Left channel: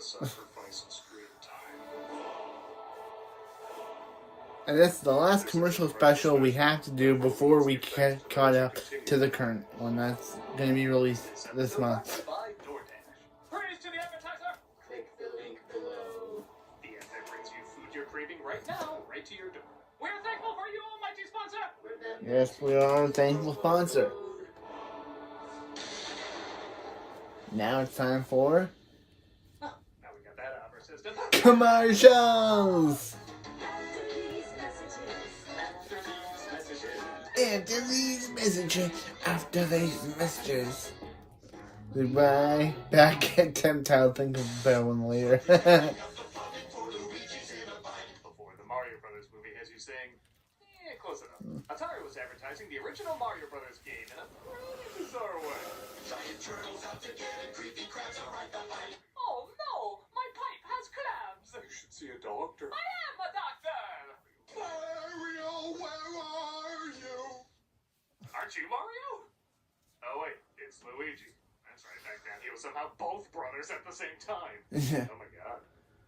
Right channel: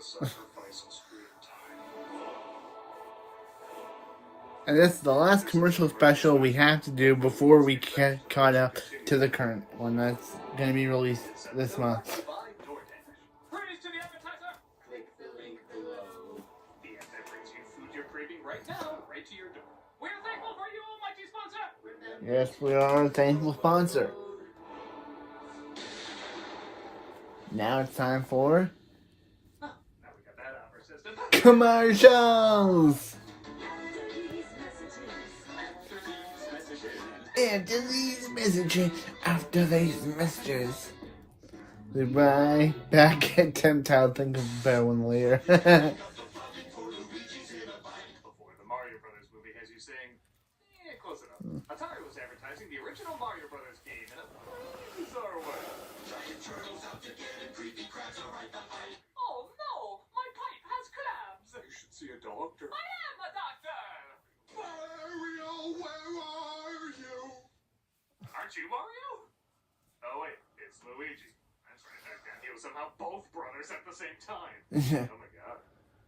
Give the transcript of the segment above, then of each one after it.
sacrifice on screen time. And this is the last commercial special we have to do before we get caught up to the current one that's going to be released this month. Praise to the advertiser! Click the link below. The ad that brings you food you're craving right now, right to your door. We're thankful for you, almighty sponsor! Yes, we are a thankful sponsor. Now it's time for Oh, now we got that out of our system. commercials! After these messages. After these messages. Goodbye. Back at 10th. I'll think of a better one later. Before the Mario Brothers movie has you saying, close enough. Atari was advertising the original Mario Brothers game in a pretty bizarre way. Giant turtles out to get him, creepy crabs are right behind. Oh no, my pipe has crabs. You should see a doctor. I am a doctor. Mario, where are you? Aren't you Mario? Oh wait, it's Luigi. That's right, back then he was somehow both brothers at the same time. Oh my god.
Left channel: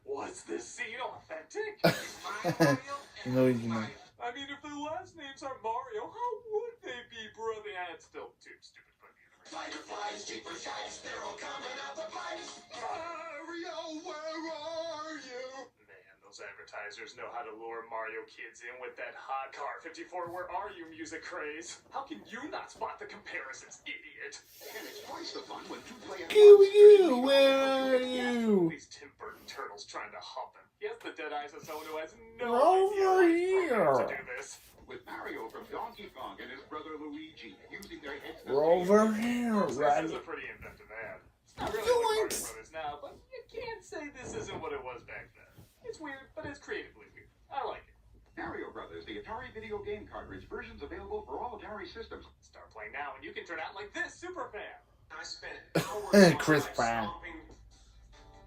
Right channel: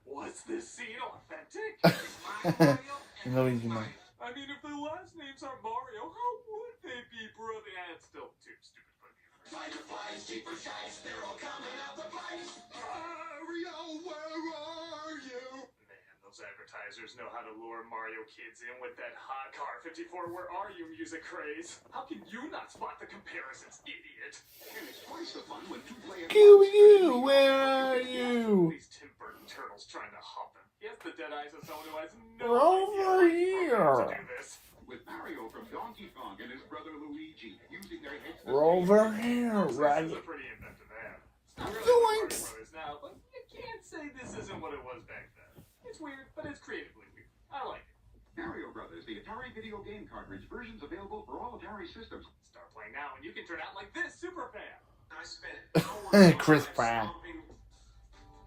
Was this scene authentic? Is mine Mario? And Luigi. mine. I mean, if their last names are Mario, how would they be brother? It's still too stupid to put in the universe. Fireflies, jeepers, shites, they're all coming out the pipes. Mario, where are you? Man, those advertisers know how to lure Mario kids in with that hot Car 54 Where Are You music craze. How can you not spot the comparisons, idiot? And it's twice the fun when two play You, where are you? These Tim Burton turtles trying to hump him. He has the dead eyes of someone who has no Over idea how to here. do this. With Mario from Donkey Kong and his brother Luigi using their heads to We're over here, This right? is a pretty inventive ad. It's not really like Mario Brothers now, but you can't say this isn't what it was back then. It's weird, but it's creatively weird. I like it. Mario Brothers, the Atari video game cartridge versions available for all Atari systems. Start playing now, and you can turn out like this, Superfan. I spent hours Chris on Pratt. stomping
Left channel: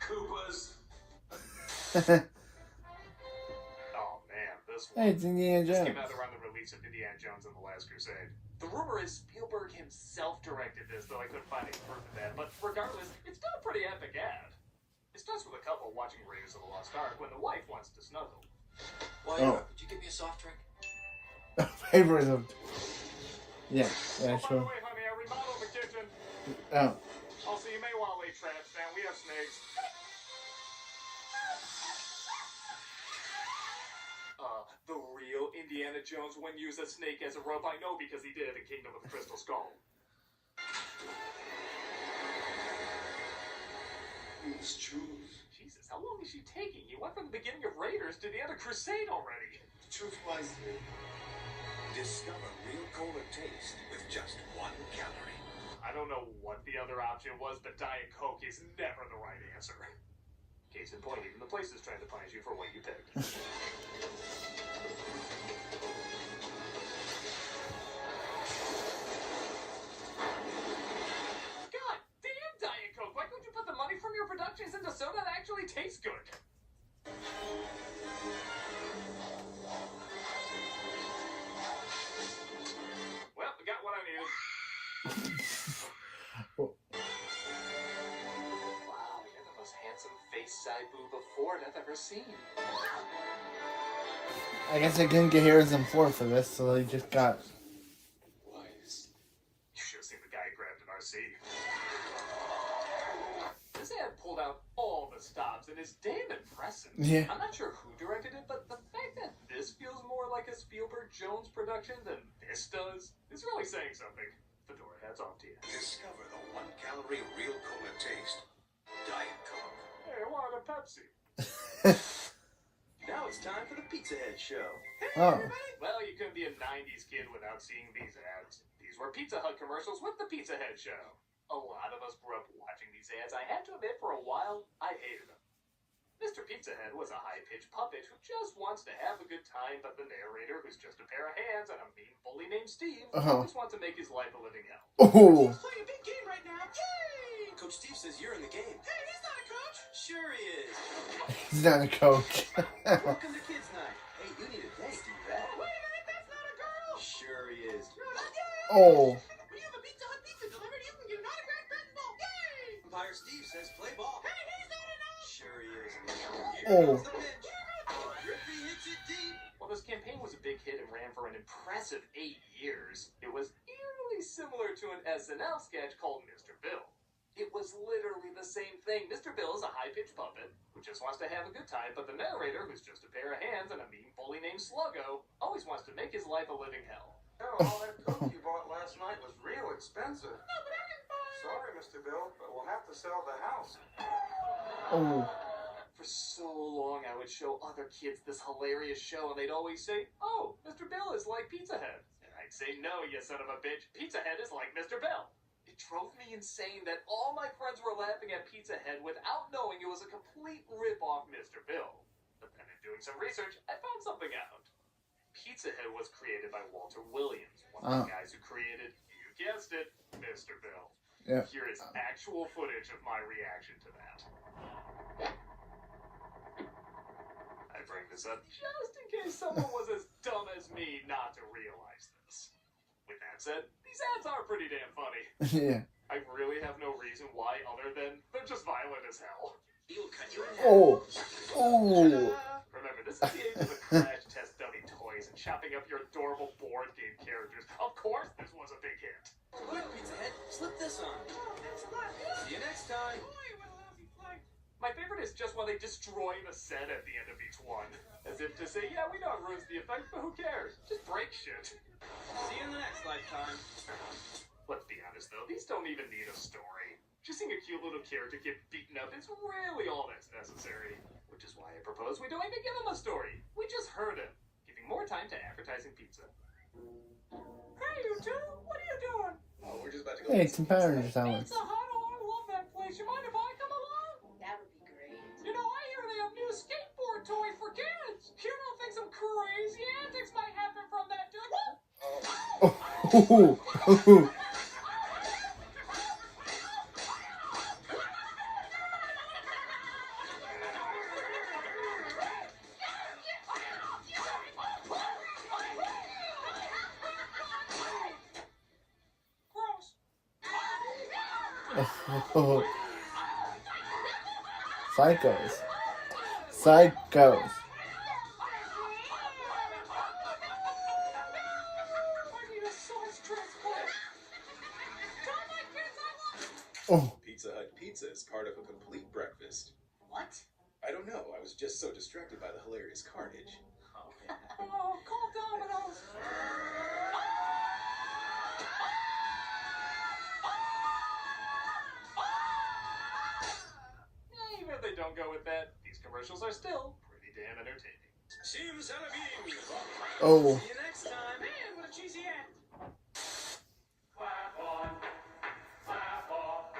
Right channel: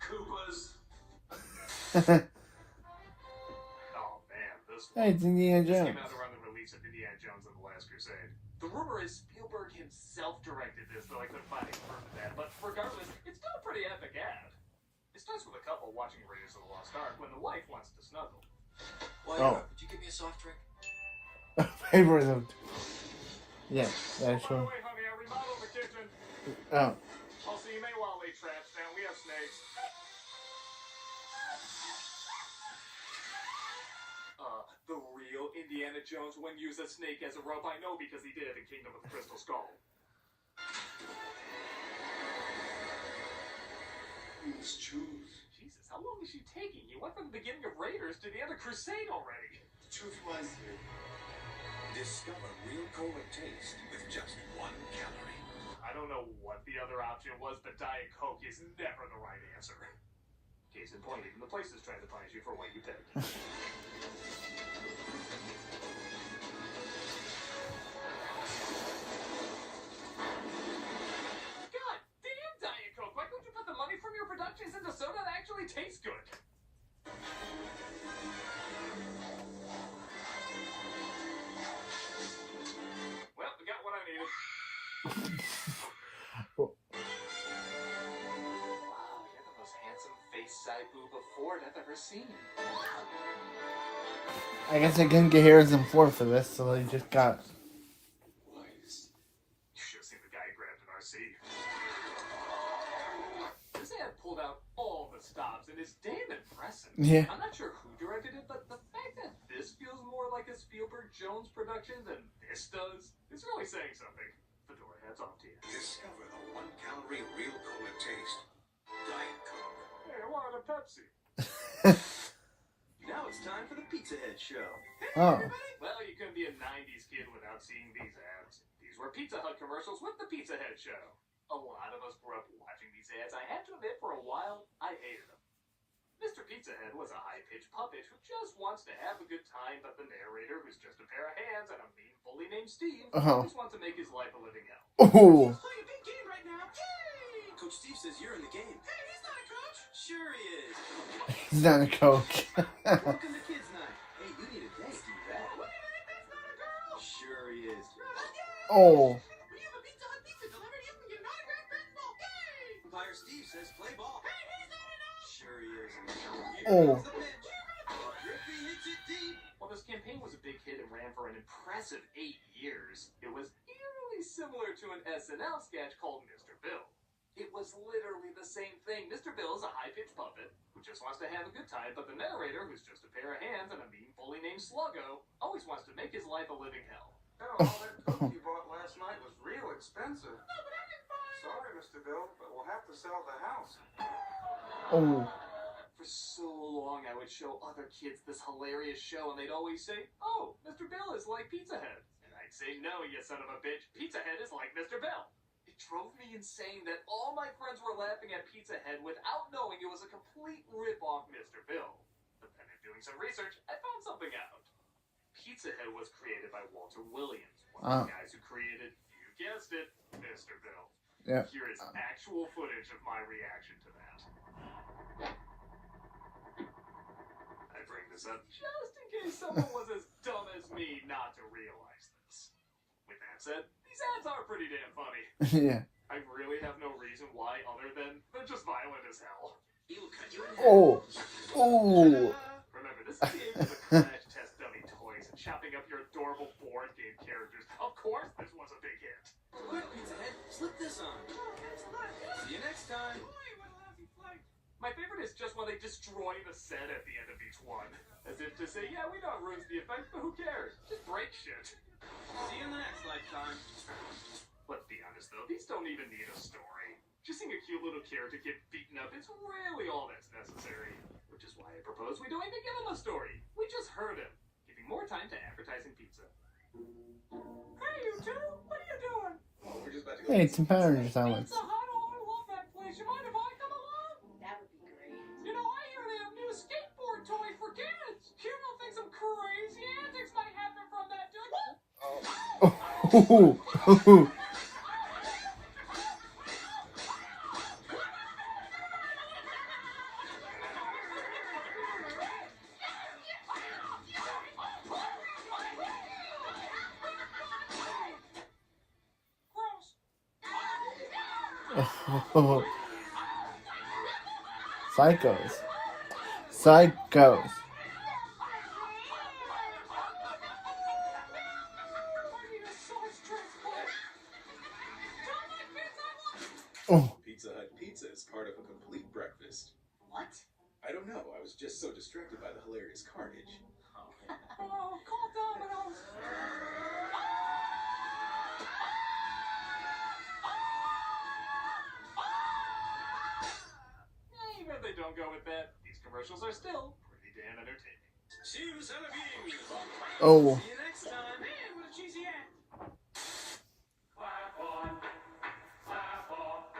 Koopas. Oh man, this Hey, one. it's Indiana This Jones. came out around the release of Indiana Jones and the Last Crusade. The rumor is Spielberg himself directed this, though I couldn't find any proof of that. But regardless, it's still a pretty epic ad. It starts with a couple watching Raiders of the Lost Ark when the wife wants to snuggle. Well, Oh. could you give me a soft drink? Favors of. Yeah, By that's the true. way, honey, I remodeled the kitchen. Oh. Also, you may want to lay traps down. We have snakes. The real Indiana Jones wouldn't use a snake as a rope. I know because he did in Kingdom of the Crystal Skull. Please choose. Jesus, how long is she taking? You went from the beginning of Raiders to the end of Crusade already. Choose wisely. Discover real cola taste with just 1 calorie. I don't know what the other option was, but Diet Coke is never the right answer. Case in point, even the place is trying to punish you for what you picked. God damn, Diet Coke! Why couldn't you put the money from your productions into soda that actually tastes good? Well, we got what I needed. Wow, we got the most handsome face side boob of Ford I've ever seen. I guess they couldn't get Harrison Ford for this, so they just got. Wise. You should have seen the guy who grabbed an RC. This ad pulled out all the stops and is damn impressive. Yeah. I'm not sure who directed it, but the fact that this feels more like a Spielberg Jones production than this does is really saying something. Fedora, hats off to you. Discover the 1 calorie real cola taste. Diet Coke. Hey, I wanted a Pepsi. Now it's time for the Pizza Head Show. Oh. Well, you couldn't be a 90s kid without seeing these ads. These were Pizza Hut commercials with the Pizza Head Show. A lot of us grew up watching these ads. I have to admit, for a while, I hated them. Mr. Pizza Head was a high-pitched puppet who just wants to have a good time, but the narrator, who's just a pair of hands and a mean bully named Steve, always wants to make his life a living hell. Oh. He's playing a big game right now. Yay! Coach Steve says you're in the game. Hey, he's not a coach. Sure he is. He's not a coach. Welcome to Kids Night. Hey, you need a date. Do that. Wait a minute, that's not a girl. Sure he is. Yay! Oh. When you have a Pizza Hut pizza delivered, you can get an autographed baseball. Yay! Umpire Steve says play ball. Hey, he's not enough. Sure Sure he is. Oh. The pitch. Griffey hits it deep. While this campaign was a big hit and ran for an impressive 8 years, it was eerily similar to an SNL sketch called Mr. Bill. It was literally the same thing. Mr. Bill is a high-pitched puppet who just wants to have a good time, but the narrator, who's just a pair of hands and a mean bully named Sluggo, always wants to make his life a living hell. Oh, all that coke you bought last night was real expensive. No, but I didn't buy it. Sorry, Mr. Bill, but we'll have to sell the house. Oh. For so long, I would show other kids this hilarious show, and they'd always say, "Oh, Mr. Bill is like Pizza Head." And I'd say, "No, you son of a bitch. Pizza Head is like Mr. Bill." It drove me insane that all my friends were laughing at Pizza Head without knowing it was a complete rip-off Mr. Bill. But then in doing some research, I found something out. Pizza Head was created by Walter Williams, one of the guys who created, you guessed it, Mr. Bill. Yeah. Here is actual footage of my reaction to that. I bring this up just in case someone was as dumb as me not to realize this. With that said, these ads are pretty damn funny. Yeah. I really have no reason why other than they're just violent as hell. He'll cut you in half. Oh. Oh. Remember, this is the age of the crash test dummy toys and chopping up your adorable board game characters. Of course this was a big hit. Good, Pizza Head. Slip this on. See you next time. Boy, what a lousy flight. My favorite is just when they destroy the set at the end of each one. As if to say, yeah, we know it ruins the effect, but who cares? Just break shit. See you in the next lifetime. Let's be honest though, these don't even need a story. Just seeing a cute little character get beaten up is really all that's necessary. Which is why I propose we don't even give him a story. We just hurt him, giving more time to advertising pizza. Hey, you two, what are you doing? Oh, we're just about to go. Hey, it's some powder sounds. Pizza Hut, oh, I love that place. You mind if I come along? That would be great. You know, I hear they have new skateboard toys for kids. You don't think some crazy antics might happen from that, dude? Oh. Gross. Psychos. Psychos. I need a sauce transplant. Don't like pizza. Oh. Pizza Hut pizza is part of a complete breakfast. What? I don't know. I was just so distracted by the hilarious carnage. Oh, call Domino's. Even if they don't go with that, these commercials are still pretty damn entertaining. Simsalabim! Oh. See you next time. Man, what a cheesy ad. Clap on, clap off.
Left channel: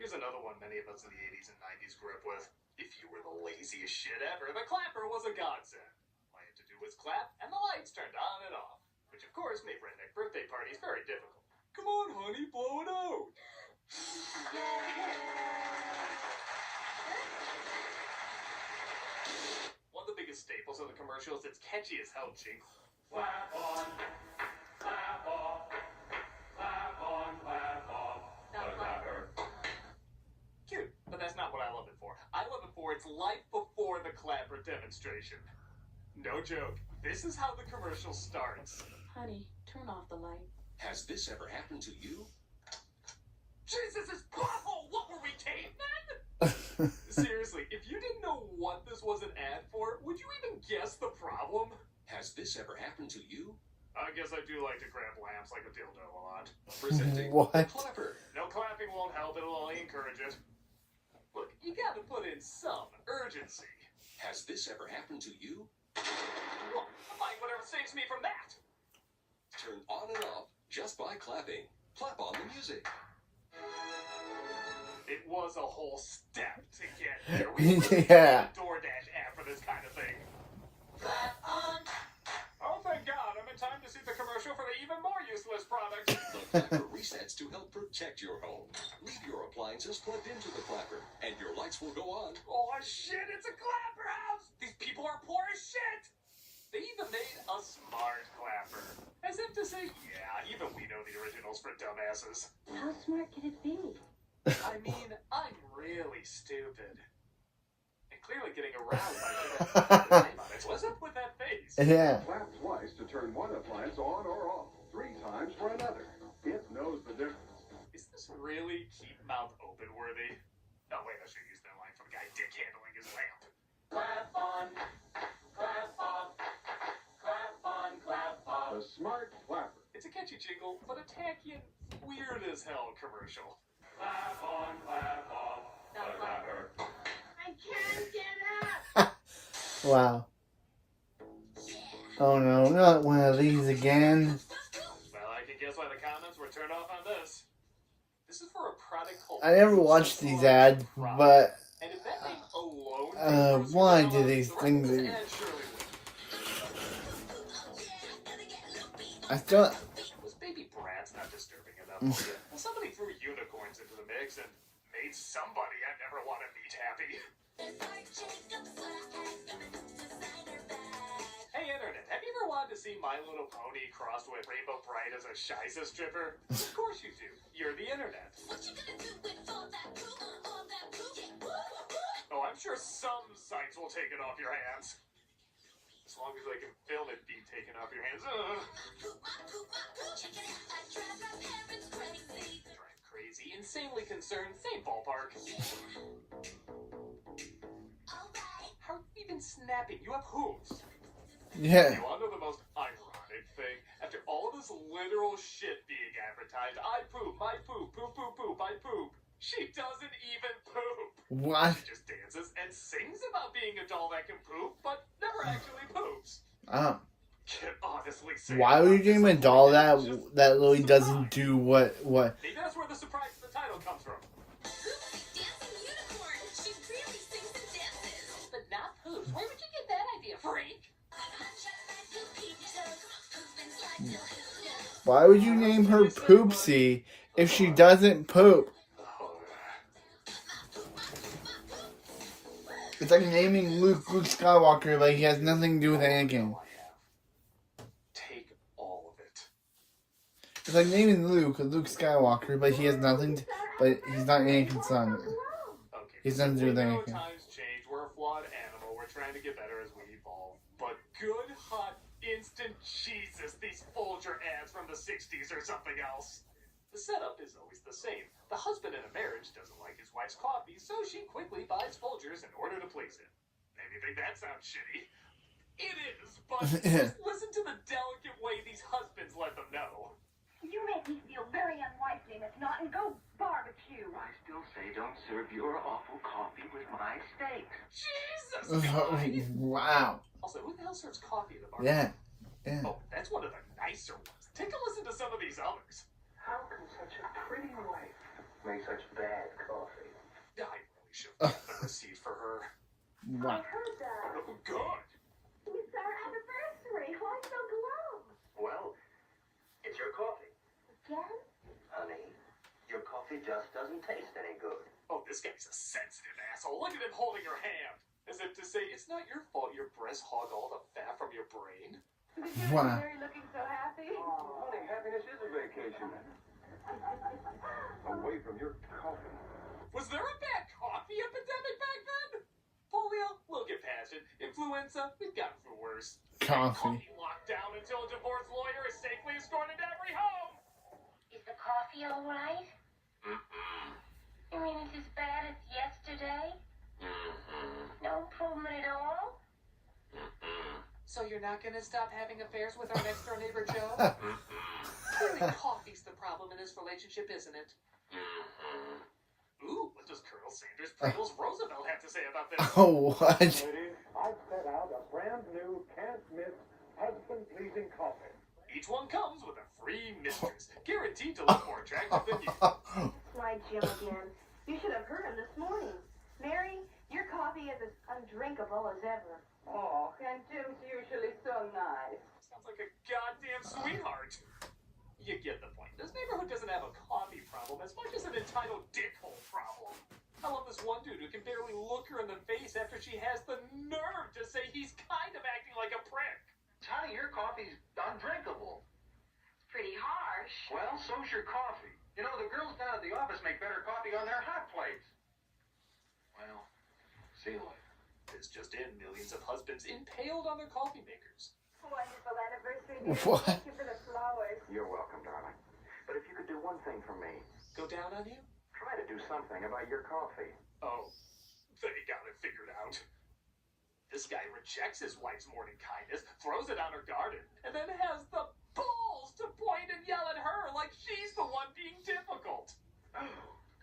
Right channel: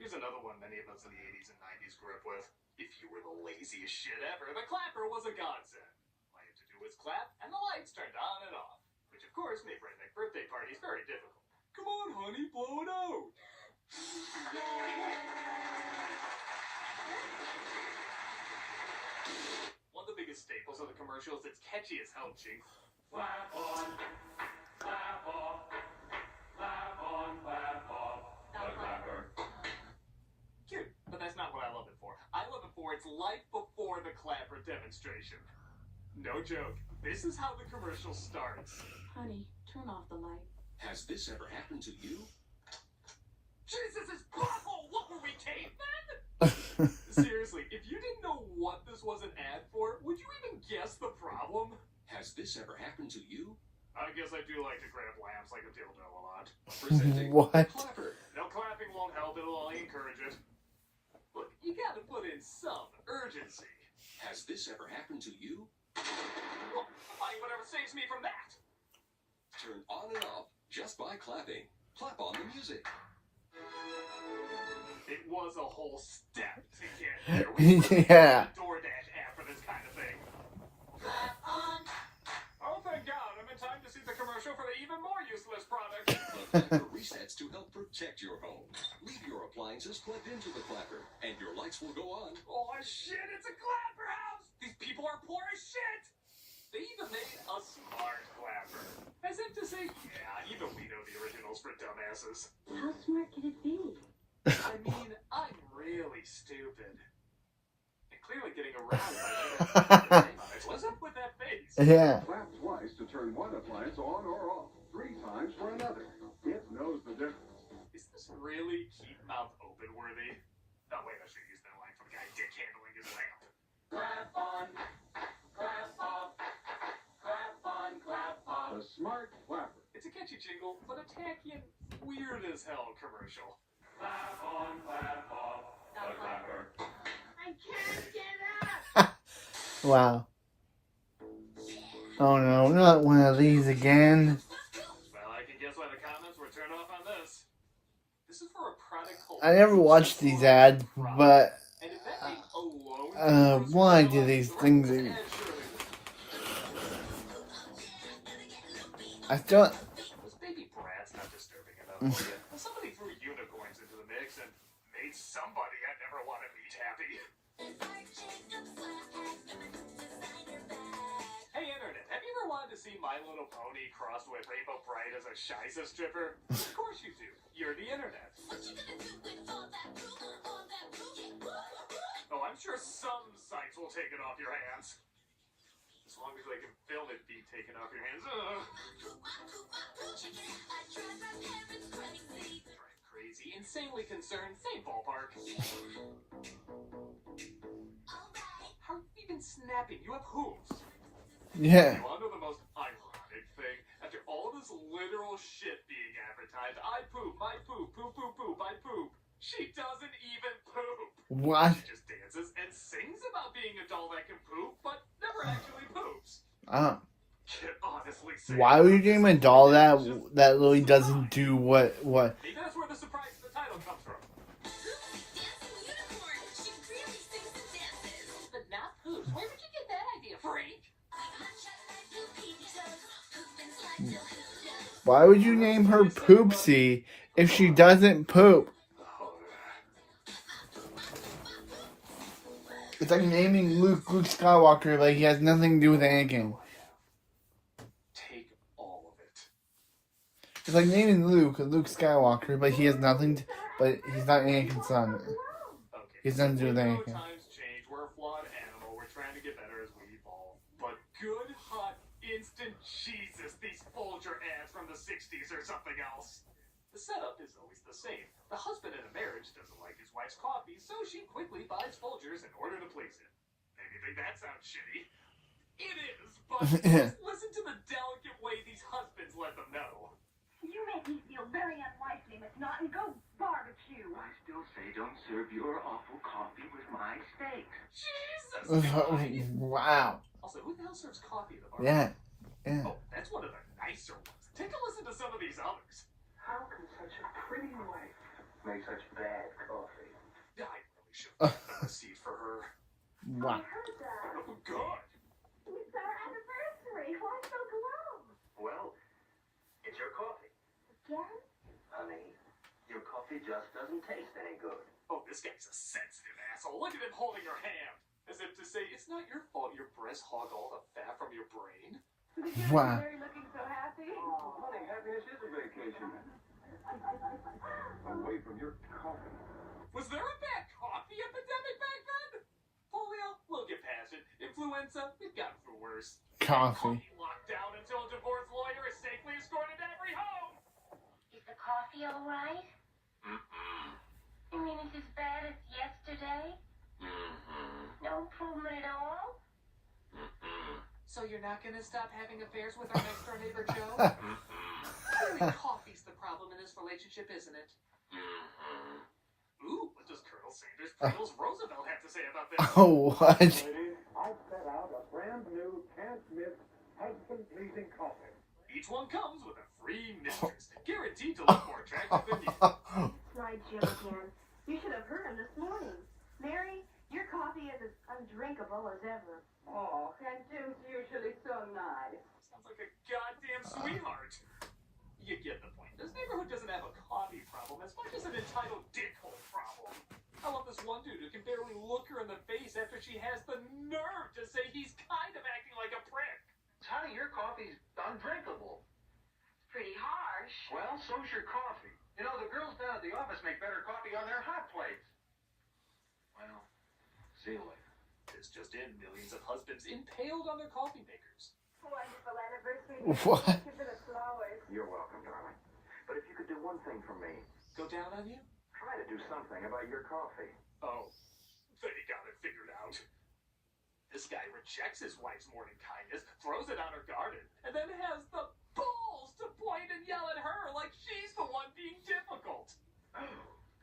Here's another one many of us in the 80s and 90s grew up with. If you were the laziest shit ever, the clapper was a godsend. All you had to do was clap, and the lights turned on and off. Which, of course, made redneck birthday parties very difficult. Come on, honey, blow it out. One of the biggest staples of the commercial is its catchy as hell jingle. Clap on, clap off, clap on, clap off, the clapper. Cute, but that's not what I love it for. I love it for its life before the clapper demonstration. No joke, this is how the commercial starts. Honey, turn off the light. Has this ever happened to you? Jesus, it's awful! What were we, cavemen? Seriously, if you didn't know what this was an ad for, would you even guess the problem? Has this ever happened to you? I guess I do like to grab lamps like a dildo a lot. Presenting What? the clapper. No clapping won't help, it'll only encourage it. Look, you gotta put in some urgency. Has this ever happened to you? Well, I'll find whatever saves me from that. Turn on and off just by clapping. Clap on the music. It was a whole step to get there. We really Yeah. need a DoorDash app for this kind of thing. Clap on. Oh, thank God, I'm in time to see the commercial for the even more useless product. The clapper resets to help protect your home. Leave your appliances plugged into the clapper, and your lights will go on. Oh shit, it's a clapper house! These people are poor as shit! They even made a smart clapper. As if to say, yeah, even we know the originals for dumbasses. How smart can it be? I mean, I'm really stupid. clearly getting aroused by that name on it. What's up with that face? Yeah. Clap twice to turn one appliance on or off. 3 times for another. It knows the difference. Is this really keep mouth open worthy? Oh wait, I should use that line from the guy dick handling his lamp. Clap on, clap off, clap on, clap off. The smart clapper. It's a catchy jingle, but a tacky and weird as hell commercial. Clap on, clap off, the clapper. I can't get up. Wow. Oh no, not one of these again. Well, I can guess why the comments were turned off on this. This is for a product called... I never watched these ads, but And if that name alone... why do these things? I thought. Was Baby Bratz not disturbing enough for you? Well, somebody threw unicorns into the mix and made somebody I never want to meet happy. Hey, Internet, have you ever wanted to see My Little Pony crossed with Rainbow Bright as a Shiza stripper? Of course you do. You're the Internet. Oh, I'm sure some sites will take it off your hands. As long as I can film it being taken off your hands. Drive crazy, insanely concerned, same ballpark. How are you even snapping? You have hooves. Yeah. You want to know the most ironic thing? After all of this literal shit being advertised, I poop, my poop, poop, poop, poop, I poop. She doesn't even poop. What? She just dances and sings about being a doll that can poop, but never actually poops. Can honestly say. Why would you name a doll that really doesn't do what? Maybe that's where the surprise of the title comes from. But not poops. Where would you get that idea, freak? Why would you name her Poopsie if she doesn't poop? It's like naming Luke Skywalker like he has nothing to do with Anakin. Take all of it. It's like naming Luke Skywalker, but he has nothing to, but he's not Anakin's son. Okay. He's nothing to do with We know Anakin. times change. We're a flawed animal. We're trying to get better as we evolve. But good, hot, instant Jesus, these Folger ads from the 60s or something else. The setup is always the same. The husband in a marriage doesn't like his wife's coffee, so she quickly buys Folgers in order to please him. Maybe you think that sounds shitty. It is, but listen to the delicate way these husbands let them know. You make me feel very unwifely, Miss Naughton. Go barbecue. I still say don't serve your awful coffee with my steaks. Jesus! Wow. Also, who the hell serves coffee at the bar? Yeah. Oh, that's one of the nicer ones. Take a listen to some of these others. How can such a pretty wife make such bad coffee? I really should have kept the receipt for her. Wow. I heard that. Oh, good. It's our anniversary. Why so glum? Well, it's your coffee. Again? Honey, your coffee just doesn't taste any good. Oh, this guy's a sensitive asshole. Look at him holding your hand. As if to say, it's not your fault your breasts hog all the fat from your brain. Wow. Mary looking so happy. Oh, honey, happiness is a vacation. Away from your coffee. Was there a bad coffee epidemic back then? Polio? We'll get past it. Influenza? We've gotten through worse. Coffee. Locked down until a divorce lawyer is safely escorted to every home. Is the coffee all right? You mean it's as bad as yesterday? No improvement at all? So you're not going to stop having affairs with our next door neighbor, Joe? Clearly coffee's the problem in this relationship, isn't it? Ooh, what does Colonel Sanders Pringles Roosevelt have to say about this? Oh, what? Ladies, I've set out a brand new, can't-miss, husband-pleasing coffee. Each one comes with a free mistress, guaranteed to look more attractive than you. Slide Jim again. You should have heard him this morning. Mary, your coffee is as undrinkable as ever. Oh, and Jim's usually so nice. Sounds like a goddamn sweetheart. You get the point. This neighborhood doesn't have a coffee problem as much as an entitled dickhole problem. I love this one dude who can barely look her in the face after she has the nerve to say he's kind of acting like a prick. Honey, your coffee's undrinkable. Pretty harsh. Well, so's your coffee. You know, the girls down at the office make better coffee on their hot plates. Well, see you later. This just in, millions of husbands impaled on their coffee makers. Wonderful anniversary. What? Thank you for the flowers. You're welcome, darling. But if you could do one thing for me, Go down on you? try to do something about your coffee. Oh, they got it figured out. This guy rejects his wife's morning kindness, throws it on her garden, and then has the balls to point and yell at her like she's the one being difficult. Oh,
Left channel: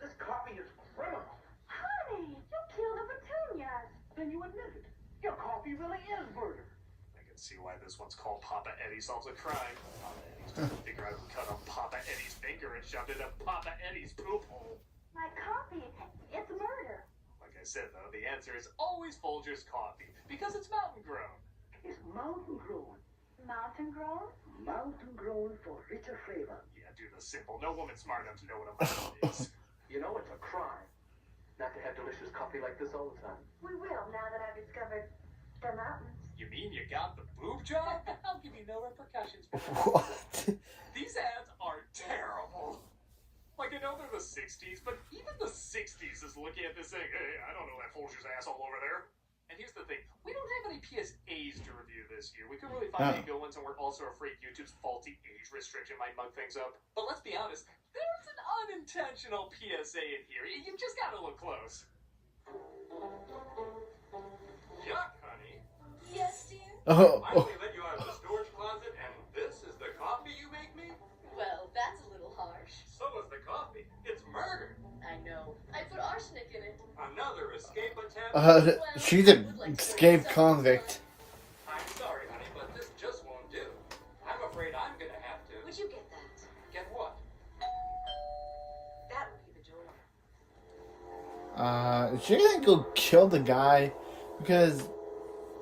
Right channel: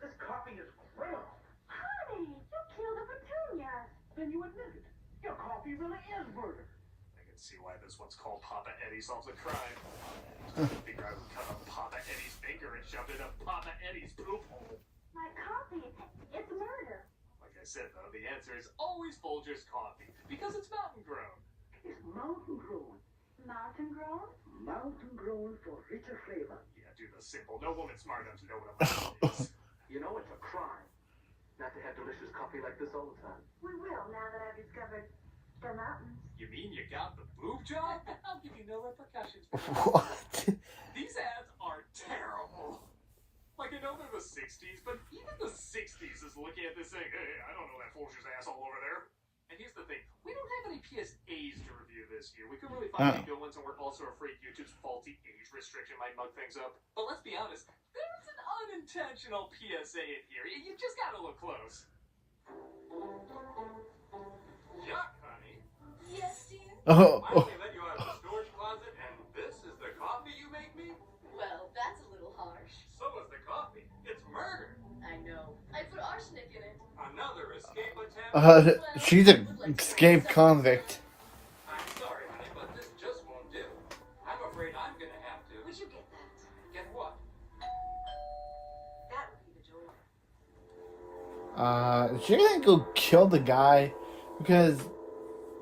this coffee is criminal. Honey, you killed a petunia. Then you admit it. Your coffee really is murder. I can see why this one's called Papa Eddie Solves a Crime. Papa Eddie's trying to figure out who cut off Papa Eddie's finger and shoved it up Papa Eddie's poop hole. My coffee, it's murder. Like I said, though, the answer is always Folgers coffee, because it's mountain grown. It's mountain grown. Mountain grown? Mountain grown for richer flavor. Yeah, do the simple. No woman smart enough to know what a mountain is. You know, it's a crime not to have delicious coffee like this all the time. We will, now that I've discovered the mountains. You mean you got the boob job? I'll give you no repercussions for that. What? These ads are terrible. Like, I know they're the 60s, but even the 60s is looking at this saying, hey, I don't know that Folgers asshole over there. And here's the thing, we don't have any PSAs to review this year. We couldn't really find any good ones, and we're also afraid YouTube's faulty age restriction might mug things up. But let's be honest, there's an unintentional PSA in here. You just gotta look close. Yuck, honey. Yes, dear? Oh, Finally let you out of the storage closet, and this is the coffee you make me? Well, that's a little harsh. So is the coffee. It's murder. I know. I put arsenic in it. Another escape attempt. she's an escaped convict. I'm sorry, honey, but this just won't do. I'm afraid I'm gonna have to. Would you get that? Get what? That would be the door. Is she gonna go kill the guy? Because,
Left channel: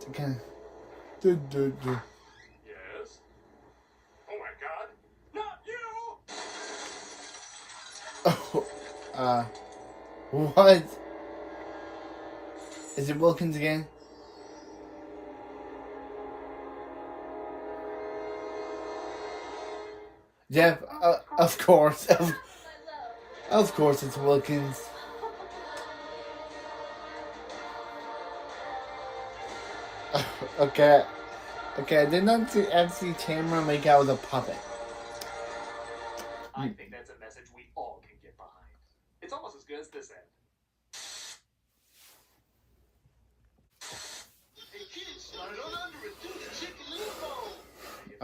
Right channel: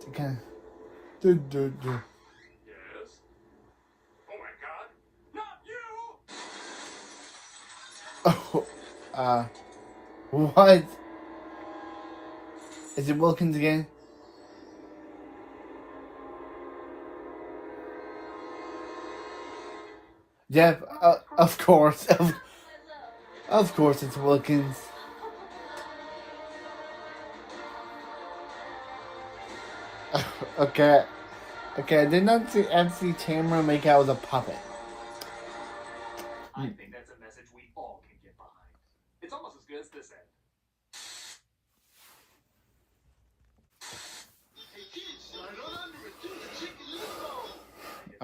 again, Yes? Oh my god. Not you! what? Is it Wilkins again? Jeff, of course, of course it's Wilkins. Okay, I did not see actually Tamara make out with a puppet. I think that's a message we all can get behind. It's almost as good as this end. Hey kids, slide on under and do the chicken limbo.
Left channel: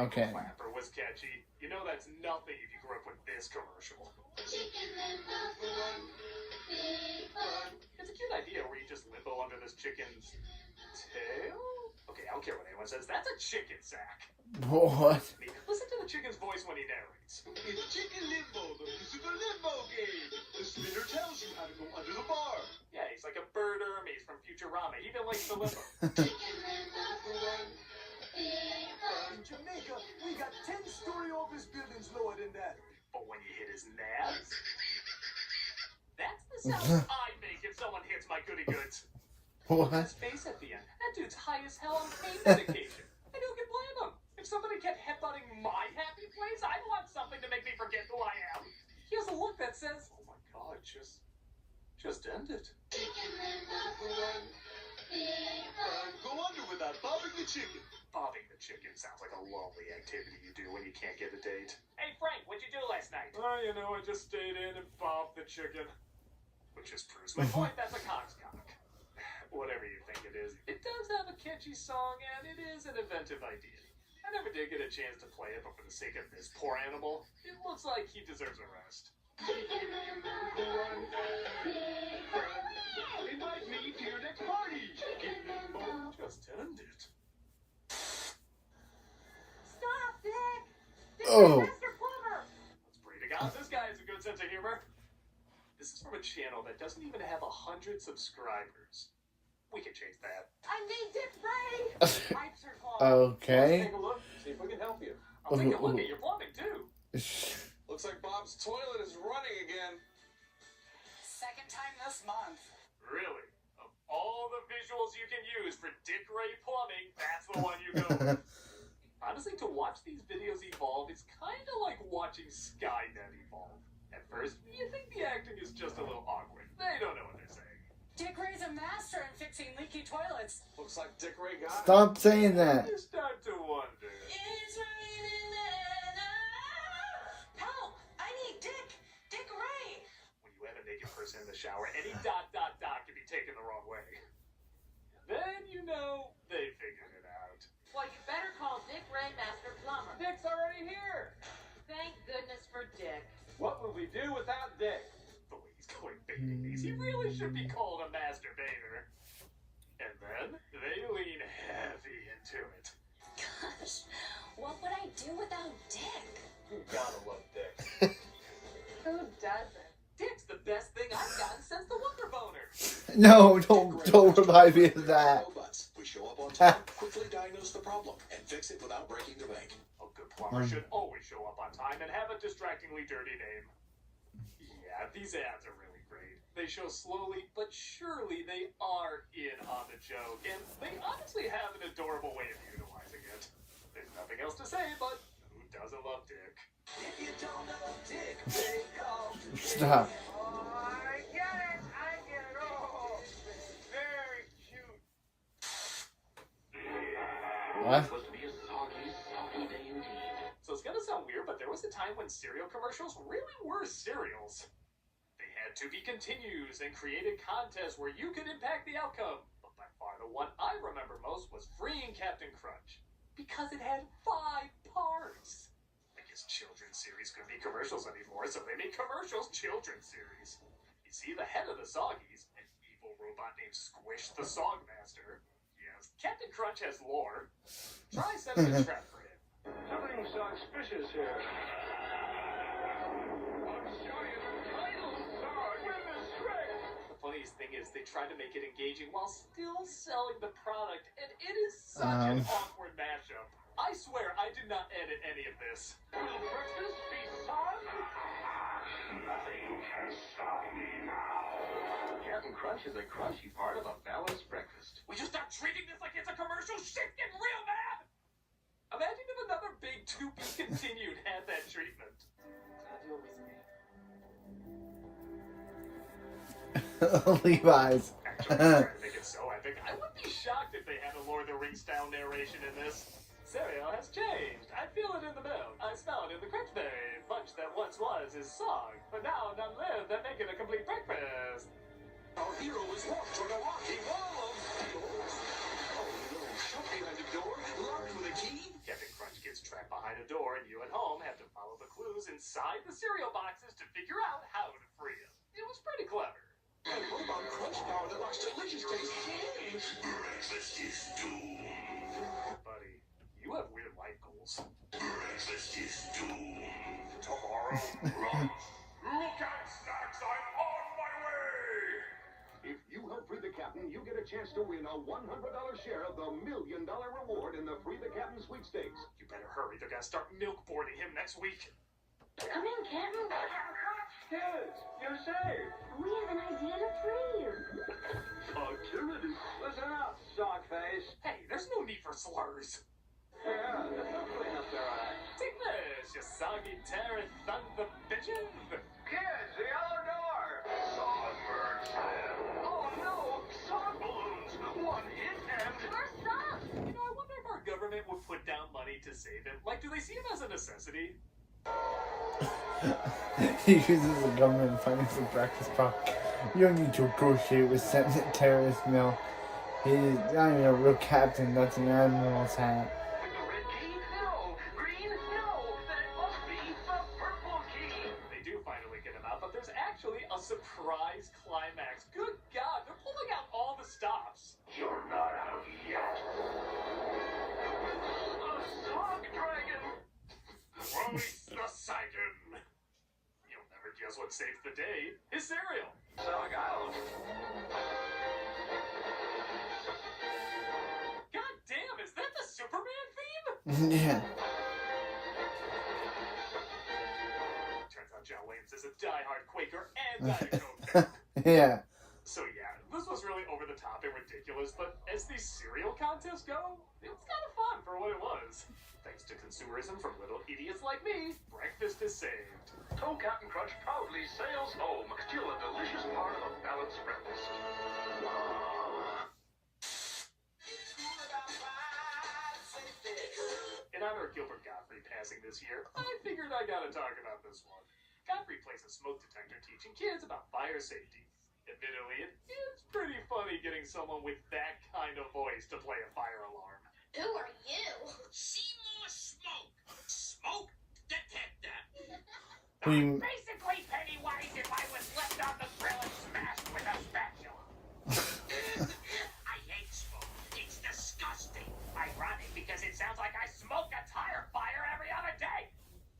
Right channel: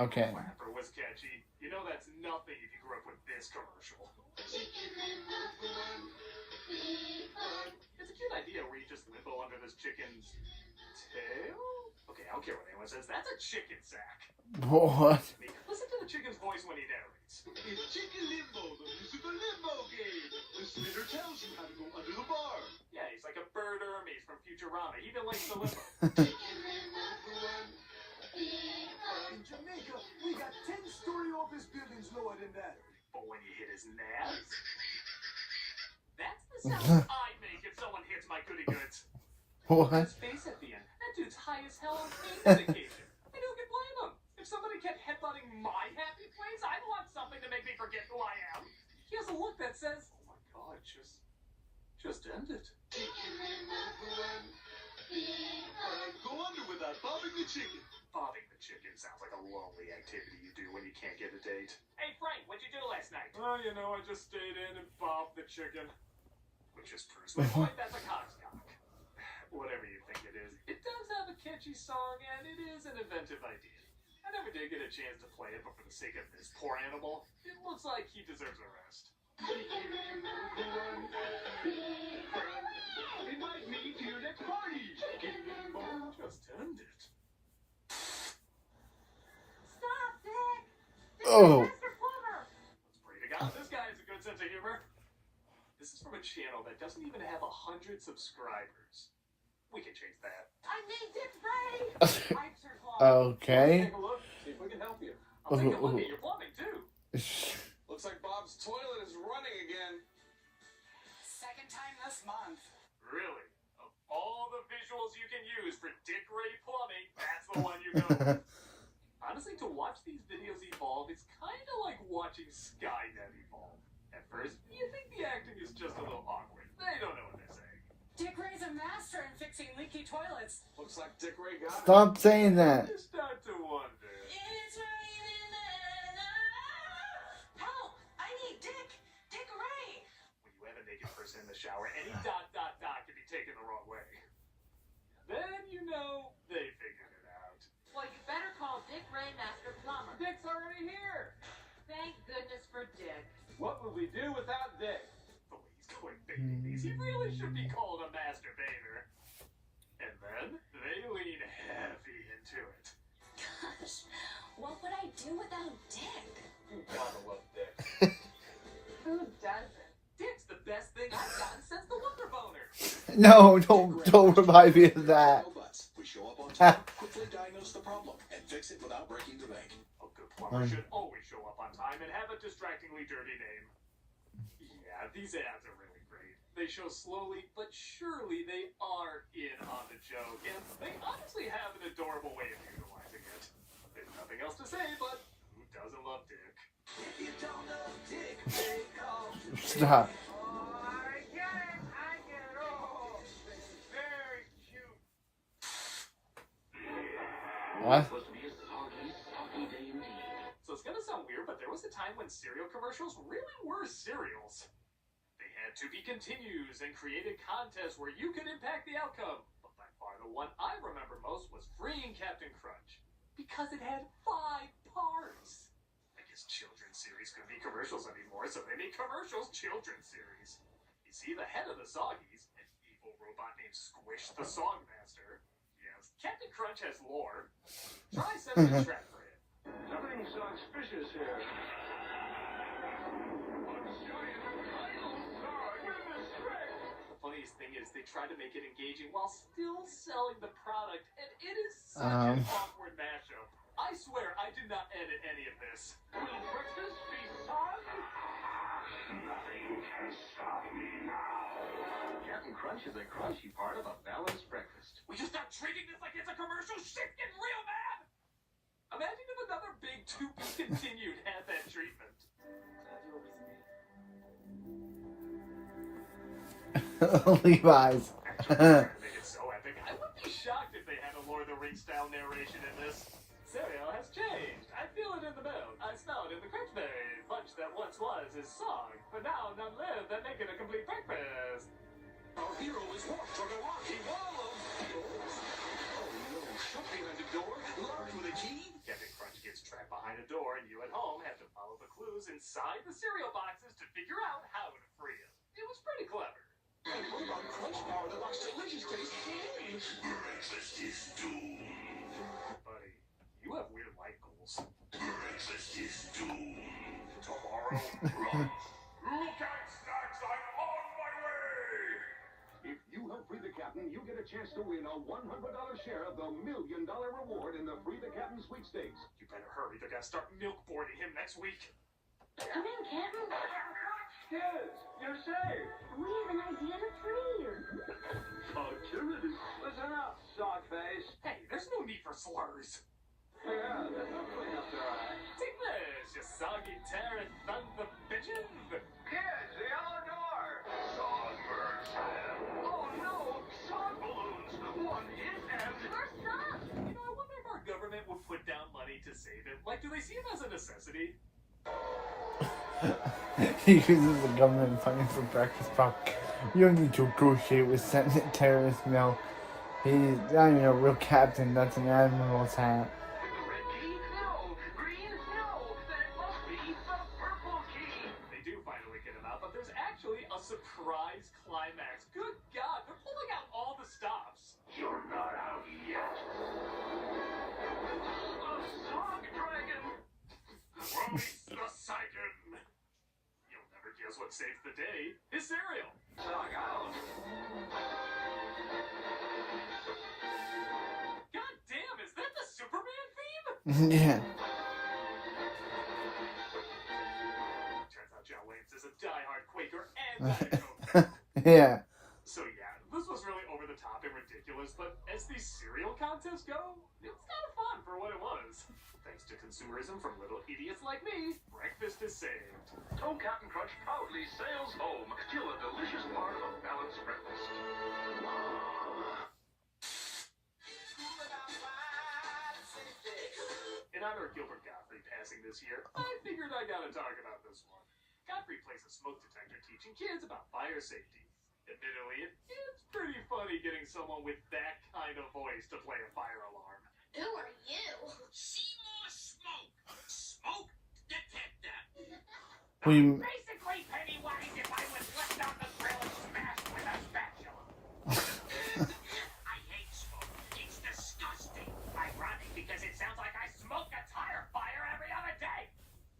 Okay. The clapper was catchy. You know that's nothing if you grew up with this commercial. Chicken limbo for one big fun. It's a cute idea where you just limbo under this chicken's tail? Okay, I don't care what anyone says. That's a chicken sack. What? Listen to the chicken's voice when he narrates. It's Chicken Limbo, the musical limbo game. The spinner tells you how to go under the bar. Yeah, he's like a bird Hermes from Futurama. He even likes the limbo. Chicken limbo for one big fun. In Jamaica, we got 10-story office buildings lower than that. But when you hit his nads, that's the sound I make if someone hits my goody goods. What? His face at the end. That dude's high as hell on pain medication. And who can blame him? If somebody kept headbutting my happy place, I'd want something to make me forget who I am. He has a look that says, oh my god, just end it. Chicken limbo for one big fun. Go under without bobbing the chicken. Bobbing the chicken sounds like a lonely activity you do when you can't get a date. Hey Frank, what'd you do last night? Oh, you know, I just stayed in and bobbed the chicken. Which just proves my point, that's a cockscock. Whatever you think it is, it does have a catchy song and it is an inventive idea. I never did get a chance to play it, but for the sake of this poor animal, it looks like he deserves a rest. Chicken limbo for one big fun. Invite me to your next party. Chicken limbo. Just end it. Stop, Dick! This Oh. is Mr. Plumber! Let's pray to God this guy has a good sense of humor. This is from a channel that doesn't even have 100 subscribers. We can change that. I need Dick Ray! Pipes are clogged. Okay. Let's take a look, see if we can help you. I'll take a look at your plumbing too. Looks like Bob's toilet is running again. Second time this month. Really? Of all the visuals you can use for Dick Ray Plumbing, that's the one you go with. Honestly, to watch these videos evolve, it's kind of like watching Skynet evolve. At first, you think the acting is just a little awkward. They don't know what they're saying. Dick Ray's a master in fixing seen leaky toilets. Looks like Dick Ray got it. Stop saying that. You start to wonder. It's raining men. Help! I need Dick. Dick Ray. When you have a naked person in the shower, any ... can be taken the wrong way. Then you know they figured it out. Well, you better call Dick Ray, Master Plumber. Dick's already here. Thank goodness for Dick. What would we do without Dick? The way he's going baiting these, he really should be called a masturbator. And then they lean heavy into it. Gosh, what would I do without Dick? You gotta love Dick. Who doesn't? Dick's the best thing I've gotten since the Wonder Boner. No, don't remind me of that. No buts. We show up on time, quickly diagnose the problem, and fix it without breaking the bank. A good plumber should always show up on time and have a distractingly dirty name. Yeah, these ads are really great. They show slowly, but surely they are in on the joke, and they honestly have an adorable way of utilizing it. There's nothing else to say, but who doesn't love Dick? If you don't know Dick, they call Stop. I get it. Oh, very cute. What? Supposed to be a soggy, soggy day indeed. So it's gonna sound weird, but there was a time when cereal commercials really were cereals. They had to be continues and created contests where you could impact the outcome. But by far the one I remember most was freeing Captain Crunch. Because it had 5 parts. I guess children's series couldn't be commercials anymore, so they made commercials children's series. You see, the head of the Soggies, an evil robot named Squish the Sogmaster. Yes, Captain Crunch has lore. Try setting a trap for him. Something suspicious here. The funniest thing is they try to make it engaging while still selling the product, and it is such an awkward mashup. I swear I did not edit any of this. Will breakfast be served? Nothing can stop me now. Captain Crunch is a crunchy part of a balanced breakfast. We just start treating this like it's a commercial? Shit getting real bad! Imagine if another big to be continued had that treatment. Levi's. Actually, trying to make it so epic, I wouldn't be shocked if they had a Lord of the Rings style narration in this. Cereal has changed. I feel it in the milk. I smell it in the crunchberry punch that once was his song, but now none live that make it a complete breakfast. Our hero is walked toward a rocky wall of doors. Oh no, shut behind a door, locked with a key. Captain Crunch gets trapped behind a door, and you at home have to follow the clues inside the cereal boxes to figure out how to free him. It was pretty clever. A robot crunch bar that looks delicious taste. Breakfast is doomed. Buddy, you have weird life goals. Breakfast is doomed. Tomorrow, run. Look out, Snacks! I'm on my way! If you help free the captain, you get a chance to win a $100 share of the $1 million reward in the Free the Captain sweepstakes. You better hurry. They're gonna start milk boarding him next week. Come in, Captain. Kids, you're safe. We have an idea to free you. Activity. Listen up, sockface. Hey, there's no need for slurs. Yeah, they'll clean up their act. Take this, you soggy terror thunder bitches. Kids, the yellow door. Songbirds. Oh no, sock balloons. One hit and... First up. You know, I wonder if our government would put down money to save him. Like, do they see him as a necessity? He uses the government funding for breakfast pump. You don't need to negotiate with Senate terrorists, no. He's not even a real captain, that's an admiral's hat. The red key? No. Green? No. Then it must be the purple key. They do finally get him out, but there's actually a surprise climax. Good God, they're pulling out all the stops. You're not out yet. A sock dragon. Release the siren. You'll never guess what saves the day. His cereal. Sock out. God damn, is that the Superman theme? Yeah. Turns out John Williams is a diehard Quaker and Diet Coke fan. Yeah. So yeah, this was really over the top and ridiculous, but as these cereal contests go, it was kind of fun for what it was. Thanks to consumerism from little idiots like me, breakfast is saved. So Captain Crunch proudly sails home, still a delicious part of a balanced breakfast. Gilbert Godfrey passing this year, I figured I gotta talk about this one. Godfrey plays a smoke detector teaching kids about fire safety. Admittedly, it's pretty funny getting someone with that kind of voice to play a fire alarm. Who are you? See more smoke. Smoke detector. We Basically, Pennywise if I was left on the grill and smashed with a spatula. I hate smoke. It's disgusting. Ironic because it sounds like I smoke a tire fire every other day.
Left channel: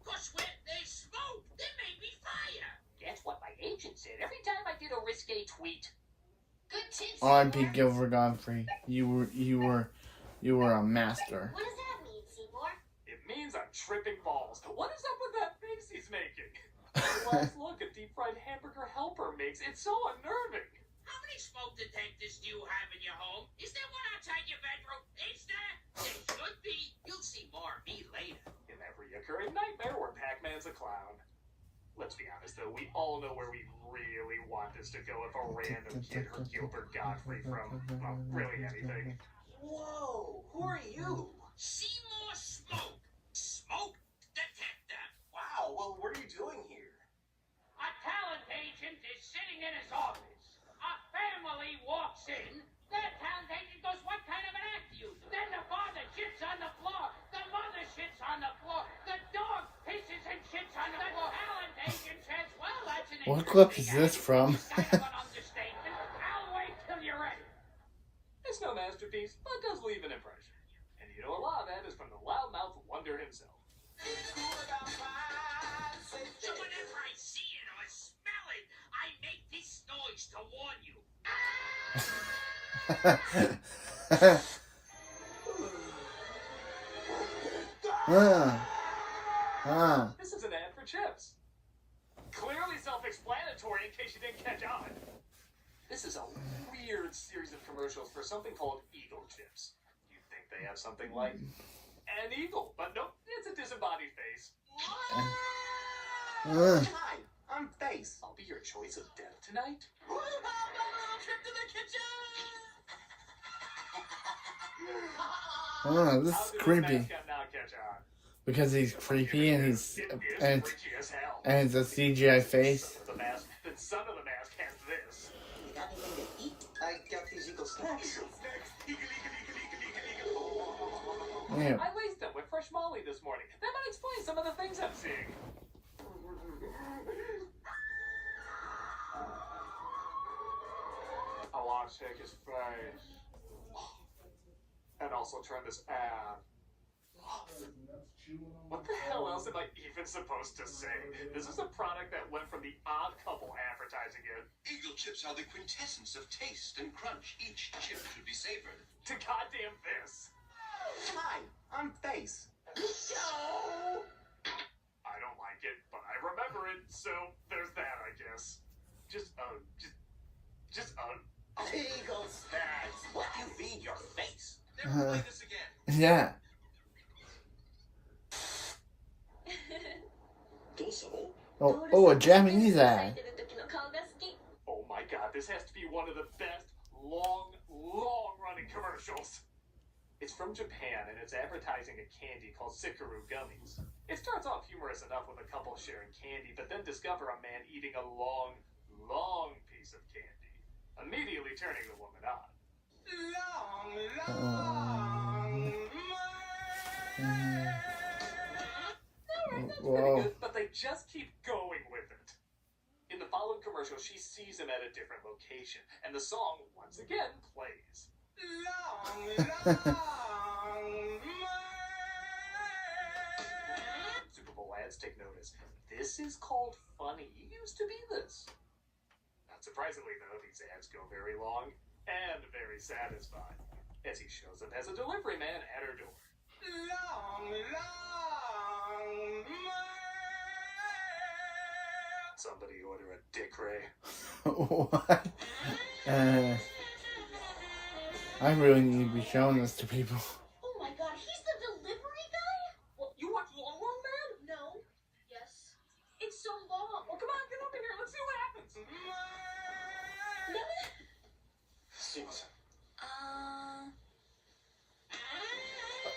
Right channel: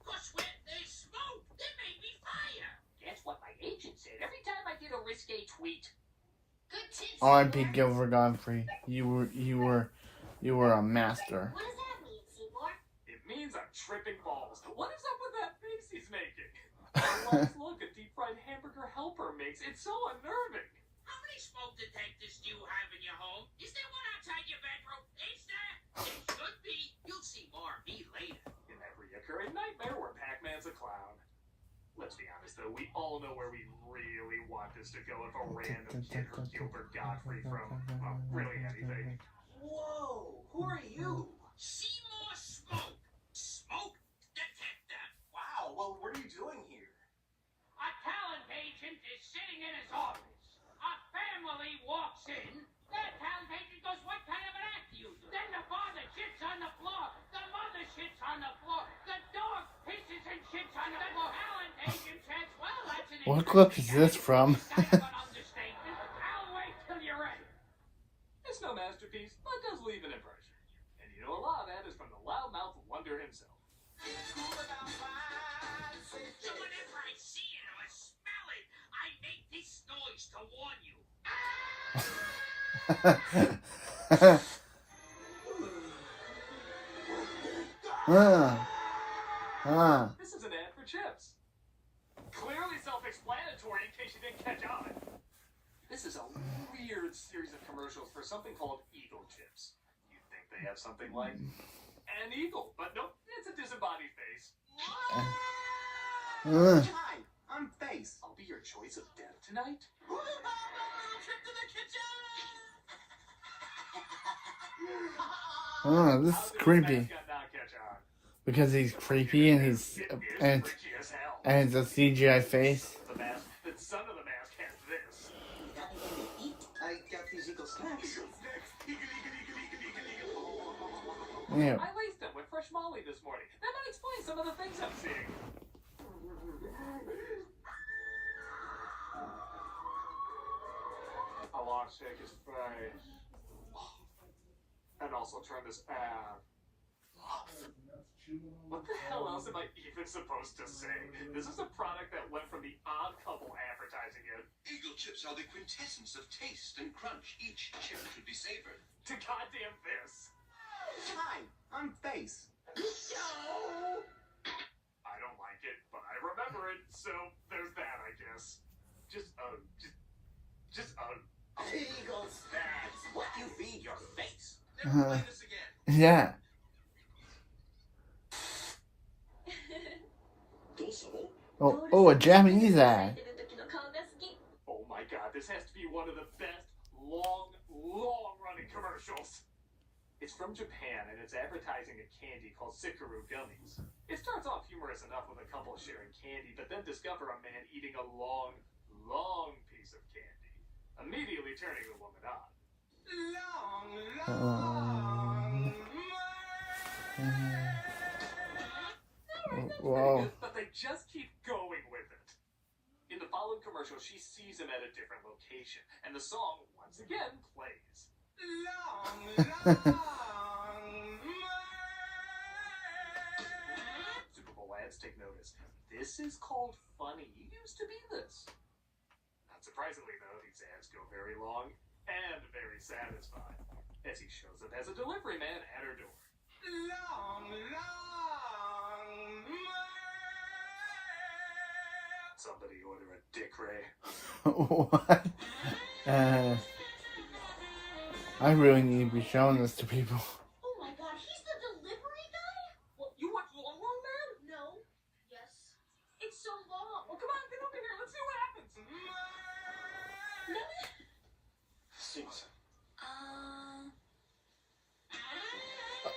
Cause when there's smoke, there may be fire. That's what my agent said every time I did a risque tweet. Good tips. R.I.P. Gilbert Godfrey. You were a master. What does that mean, Seymour? It means I'm tripping balls. What is up with that face he's making? The last look a deep-fried hamburger helper makes. It's so unnerving. How many smoke detectors do you have in your home? Is there one outside your bedroom? Is there? There should be. You'll see more of me later. In that reoccurring nightmare where Pac-Man's a clown. Let's be honest, though, we all know where we really want this to go if a random kid heard Gilbert Godfrey from, well, really anything. Whoa, who are you? See more smoke. Smoke detector. Wow, well, what are you doing here? A talent agent is sitting in his office. A family walks in. The talent agent goes, what kind of an act do you do? Then the father shits on the floor. The mother shits on the floor. The dog pisses and shits on the floor. The talent agent says, well, that's an What clip is this act. from? It's kind of an understatement. I'll wait till you're ready. It's no masterpiece, but does leave an impression. And you know a lot of that is from the loudmouth wonder himself. So whenever I see it or smell it, I make this noise to warn you. This is an ad for chips. Clearly self-explanatory in case you didn't catch on. This is a weird series of commercials for something called Eagle Chips. You'd think they have something like an eagle, but nope, it's a disembodied face. Hi, I'm Face. I'll be your choice of death tonight. Trip to the kitchen. This How is did creepy this mascot not catch on? because he's creepy and he's It is and freaky as hell. it's a CGI face. Son of the mask. The son of the mask has this. You got anything to eat? I got these Eagle snacks. Yeah. I laced them with fresh Molly this morning. That might explain some of the things I'm seeing. I want to shake his face. And also turn this ad. What the hell else am I even supposed to say? This is a product that went from the Odd Couple advertising it Eagle chips are the quintessence of taste and crunch. Each chip should be savored. to goddamn this. Hi, I'm Face. I don't like it, but I remember it, so there's that, I guess. Just Eagle snacks. What do you feed your face? Never play this again. Yeah. Oh, a Japanese ad. Oh my god, this has to be one of the best long-running commercials. It's from Japan, and it's advertising a candy called Sikuru gummies. It starts off humorous enough with a couple sharing candy, but then discover a man eating a long piece of candy, immediately turning the woman on. That's pretty good, but they just keep going with it. In the following commercial, she sees him at a different location, and the song, once again, plays. Super Bowl ads take notice. This is called funny. You used to be this. Not surprisingly, though, these ads go very long and very satisfying, as he shows up as a delivery man at her door. Somebody order a Dick Ray. What? I really need to be showing this to people. Oh my god, he's the delivery guy? What, you watch Long Man? No. Yes. It's so long. Well, come on, get over here. Let's see what happens.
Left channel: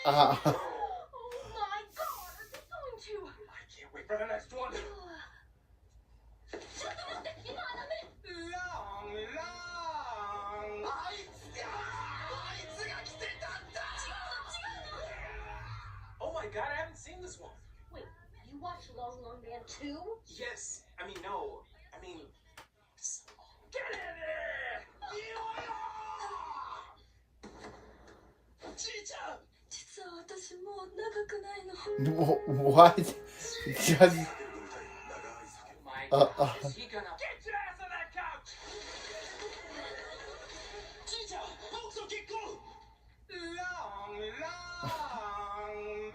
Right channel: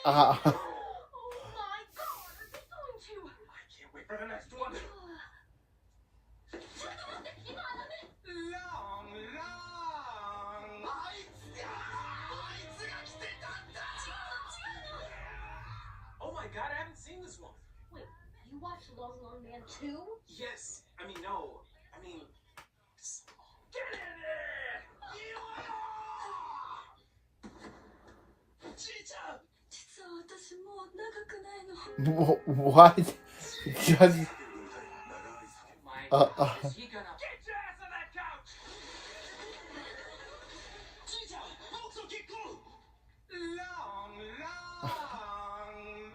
Oh my wait for the next one. Long, long. Oh my god, I haven't seen this one. Wait, you watched Long Long Man 2? Yes. I mean, no. I mean, get in there! Chicha! 実は私もう長くないの。 What? Just. Oh my Uh, god, is he gonna get your ass on that couch? Chicha! Folks will get cool! Long, long.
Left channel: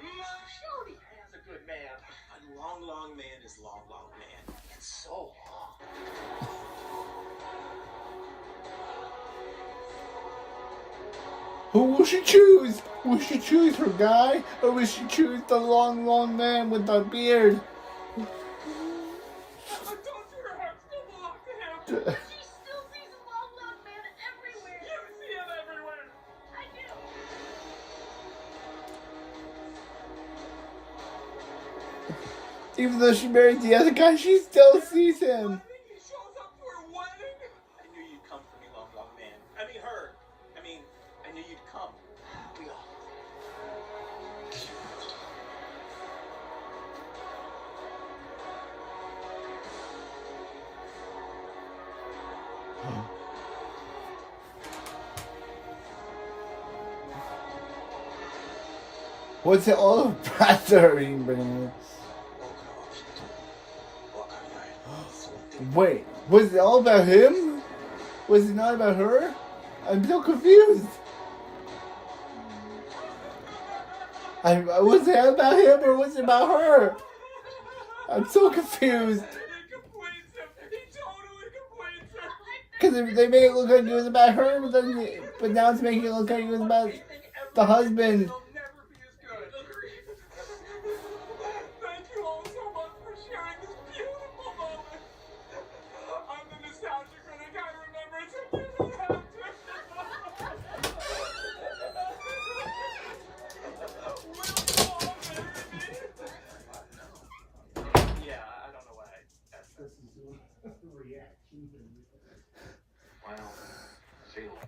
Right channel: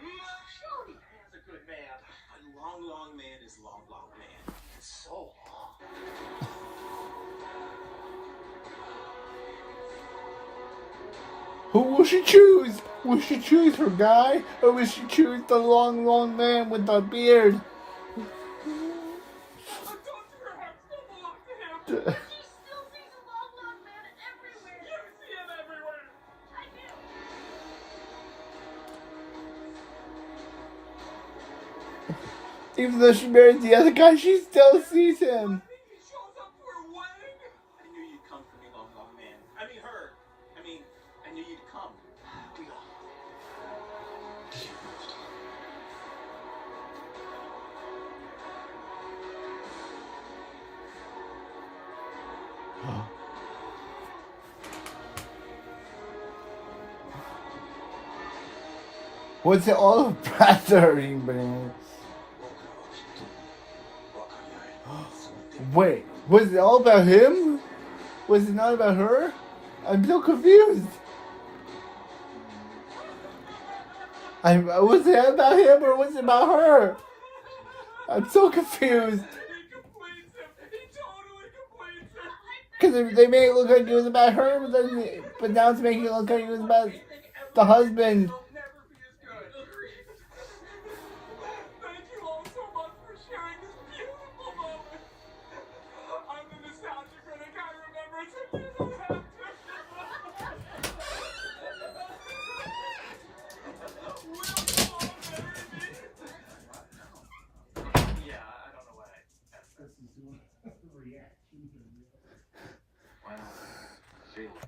Shorty has a good man. A long, long man is long, long man. It's so long. Who will she choose? Will she choose her guy, or will she choose the long, long man with the beard? Don't your heart still belong to him? She still sees a long, long man everywhere. You see him everywhere. I do. Even though she married the other guy, she still sees him. I think he shows up for a wedding. I knew you'd come for me, long, long man. I mean, her. I knew you'd come. We all. What's it all about, man? Wait, was it all about him? Was it not about her? I'm so confused. Was it about him or was it about her? I'm so confused. He completes him. He totally completes him. Because they made it look like it was about her, but now it's making it look like it was about the husband.